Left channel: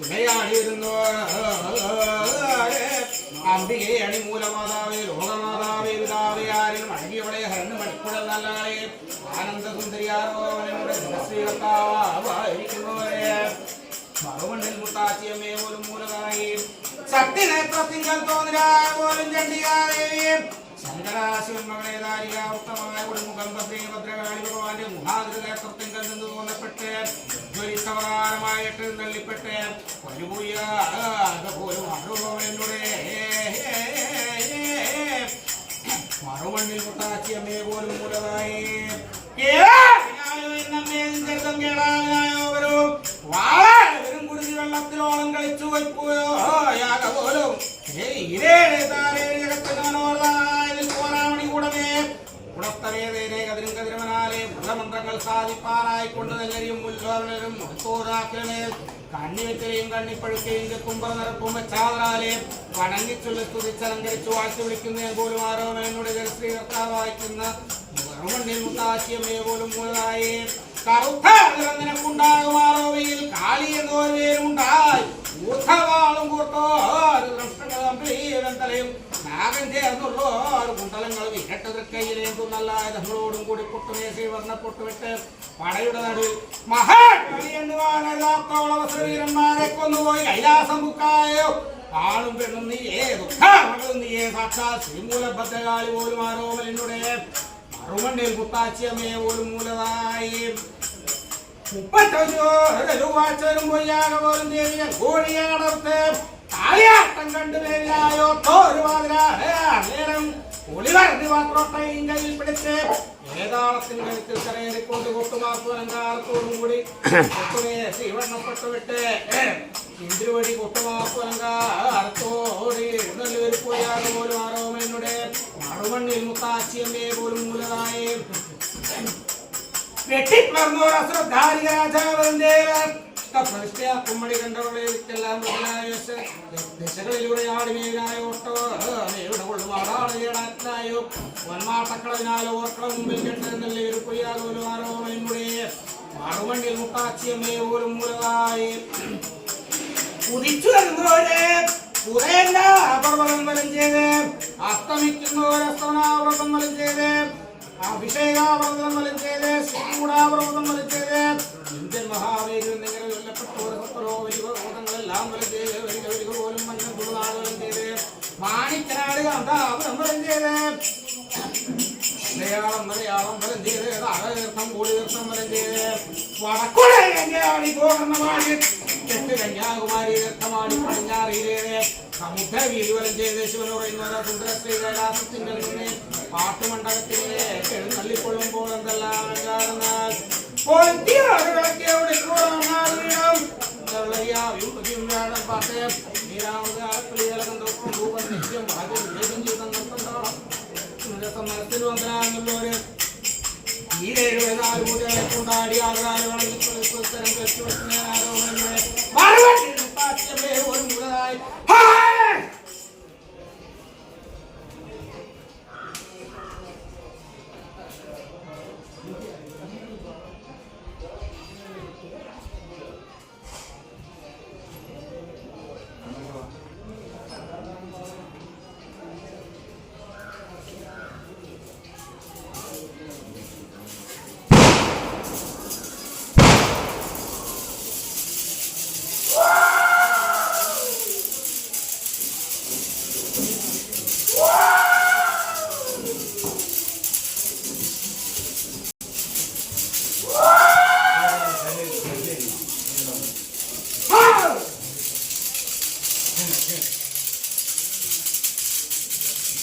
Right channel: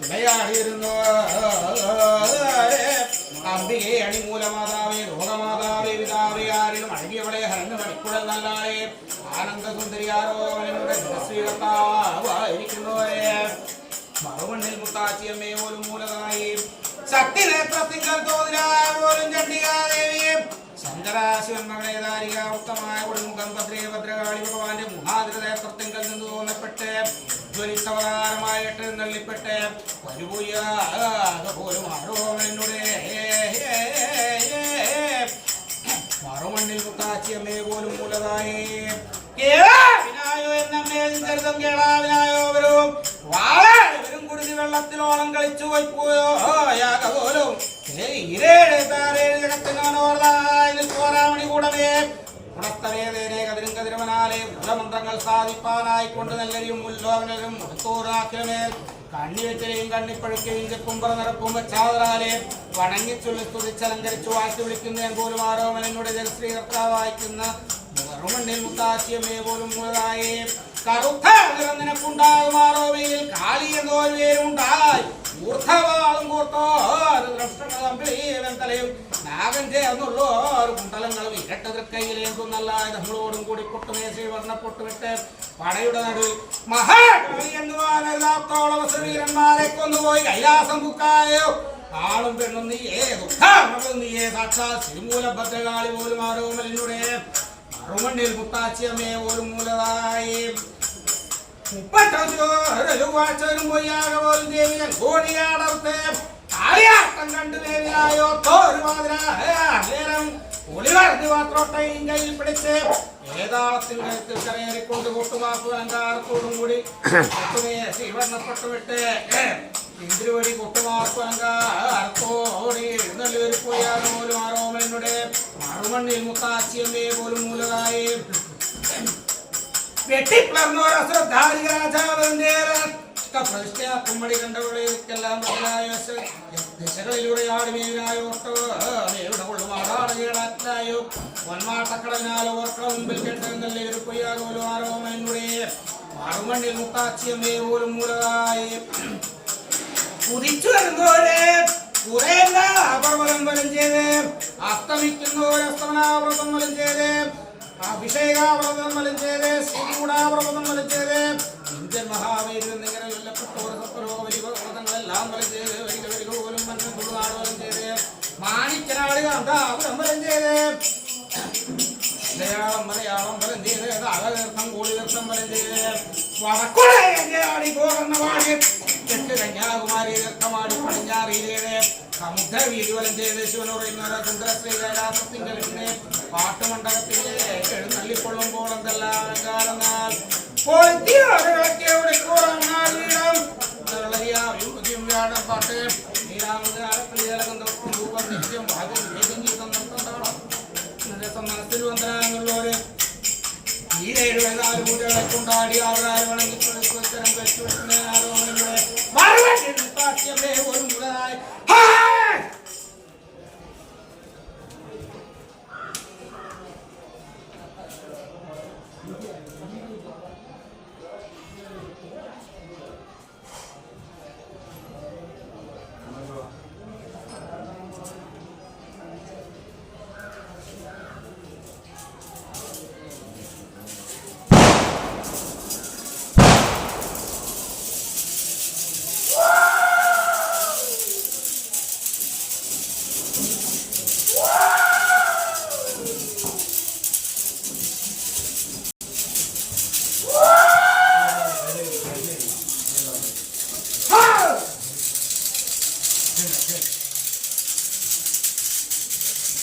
വിളയാടിയിരുന്നു അംബികെ അണിമൂലമാതാവേ ലോകമാതാവേ പിതാവേ ആരിലും അഴകിയവളെ ഹരണ് മണിക്കുഴൽ നല്ലാളെ ആനന്ദസുന്ദരിയാരോ നിങ്ങളുടെ സ്വീകർത്താവായിരിക്കുന്നവരെ മറുമണ്ണിൽ മുത്താച്ചിയമ്മേ പോലും മൂലതായി ശക്തിനേത്രത്തിങ്കൽ തോന്നിരാപോലും ചണ്ഡികാദേവിയെ ശങ്കരാശിവന്മകളെ ദാരിക ഉത്തമായ കൊടുമുഖം ഭദ്രേ ഭദ്രകാളി ഭഗവാന്റെ മുഹാഗ്രനേത്രത്തിങ്കൽ നിന്ന് തോന്നപ്പെട്ട് ജ്വലിത്തവതാരമായിട്ട് തള്ളിപ്പെട്ട് ഒരുപോയ പോലും ആരോടെ മറുമണ്ണിൽ മുത്താച്ചിയമ്മേ പോലും മൂലതായി വെള്ളത്തിലോളം കളിച്ചു വയ്പ്പോയോ പോലും പോരാമണി കൂടമേ ഗുണത്തവേദേനെ കതിരും കതിരവനാലെ ഗുണമന്ത്രങ്ങൾ സാധിപ്പാനായിക്കൊണ്ട് നെല്ലരിയും മുല്ലോവനരും മുഖത്തോറാക്കിലമേൽ കണ്ണിവെറ്റലെയും കണ്ണിപ്പഴുക്കയും ചെക്കുമ്പറ നിറപ്പും വെച്ചാതറാലെ വണങ്ങിച്ചുള്ളി സ്തുതിച്ചലങ്കരിച്ചു വാഴ്ത്തി വിളിക്കുന്ന എങ്കോലും ആരോമനോട് ജലശ്രീ കർത്താവായിക്കുന്ന മറുമണ്ണിൽ മുത്താച്ചിയമ്മേ പോലും മുതലായി കറുത്ത നിനക്കുണ്ടാകുമാറോവയിൽ കാളി എന്നൊരു പേരുണ്ടായി ൂർധവാളും കൂർത്തോലയും നാഗം ചേർന്നുള്ളോ ഒരു കുണ്ടലങ്ങളും ഇരട്ടതൃക്കയിലേന്തുന്നല്ല നമ്മളോടും കൂടി പൊട്ടുമേശി വർണ്ണപ്പൊട്ടുവിട്ട് പടയുടെ നടുവിൽ മഹാകവി എന്നുവാനോളം ശ്രീവീരന്മാരെ കൊന്നുപോയി കൈലാസം ബുക്കായോ ആളും പെണ്ണും നീയേ ദുഃഖം നീയേ സാക്ഷാൽ ശ്രീമൂല ഭദ്രകാളി പോലും ആരോമലിനുടെ മറുമണ്ണിൽ മുത്താച്ചിയമ്മേ പോലും മൂലതായി 35 വാഴ്ചവരും പൊയ്യാക പോലും ദേവികൾ കോഴിയാടർത്ത് കാളിയാട്ടം കണ്ടു ദേവിയായോ തോരുവാതിരാരം ഒളിവറിഞ്ഞു മാത്രോട്ടയും കയ്യിൽ പിടിച്ച് ഏതാളത്തിന്റെ കഴുത്തിൽ കരയേറിക്കൊണ്ട് കൊട്ടുമാക്കു അലങ്കാരത്തോടും കൂടി കൊട്ടുമേശി വർണ്ണപ്പെട്ടുവിട്ട് ഇന്ദ്രുവടി കൊട്ടുമാക്കു അലങ്കാരത്തോടി എഴുന്നള്ളി പൊയ്യാക പോലും ആരോമലിനുടെ മറുമണ്ണിൽ മുത്താച്ചിയമ്മേ പോലും മൂലതായി വെട്ടിപ്പിളർന്നൊരു അശ്രദ്ധാരിക രാജാവിന്റെ കുമ്മടി കണ്ടവളെല്ലാം മുതലായ ദിശകളിലൂടെയാടി മീനായോട്ടോ നേരുടെ കൊള്ളുമാടാളായോ ഒന്മാട്ടക്കളവിനാലോ ഓർക്കള മുമ്പിൽ കെട്ടുന്നല്ലേ ഒരു കൊയ്യാകോലും ആരോമനുടെ മറുമണ്ണിൽ മുത്താച്ചിയമ്മേ പോലും മൂലതായി കുതിച്ചു വരുന്നവരെ പർവ്വതം വലം ചെയ്ത് അസ്തമിക്കുന്നവരസ്തമനാവ്രതം വലം ചെയ്ത് അഭിഷേകാവ്രതം വലം ചെയ്ത് ശ്രീകൂടാവ്രതം വലം ചെയ്ത് ഇന്ത്യൻ മഹാവീരൻ എന്നിങ്ങനെ കൊല്ലപ്പെട്ടോർ സത്വരോ വലിപർവ്വതങ്ങളെല്ലാം വലം ചെയ്ത് വരിക വരിക പോലും മണ്ണൻ തുളുനാട് വലം ചെയ്ത് മാണിക്കനാട് കാന്താപുരം വലം ചെയ്ത് മലയാളം വലം ചെയ്ത് താളതീർത്ഥം കൂടിതീർത്ഥം വലം ചെയ്ത് വടക്കുളയാടി ഗോകർണവാടി തെക്ക് കന്യാകുമാരി തീർത്ഥമാടി പടിഞ്ഞാറിയിലെ സമുദ്ര വീതി വലം ചെയ്ത് ശിവനുറയുന്ന സുന്ദരശ്രീ കൈലാസത്തിന്റെ മുന്നേ പാട്ടുമണ്ഡപത്തിലേക്ക് എഴുന്നള്ളിക്കൊള്ളുമ്പോൾ എന്തെല്ലാം അലങ്കാരം പാട്ട് നിത്യം ഭാഗ്യം ജീവിതം നിർത്തണ്ടാവണം മനസ്സിൽ വന്നരാന്നുള്ളവര് ഈ 7 മൂലകളെ കൊണ്ടാടി ആധാരം വണങ്ങി കഴിച്ചു വെക്കുന്ന ആരോപണങ്ങളെ ഒരു മുതലായി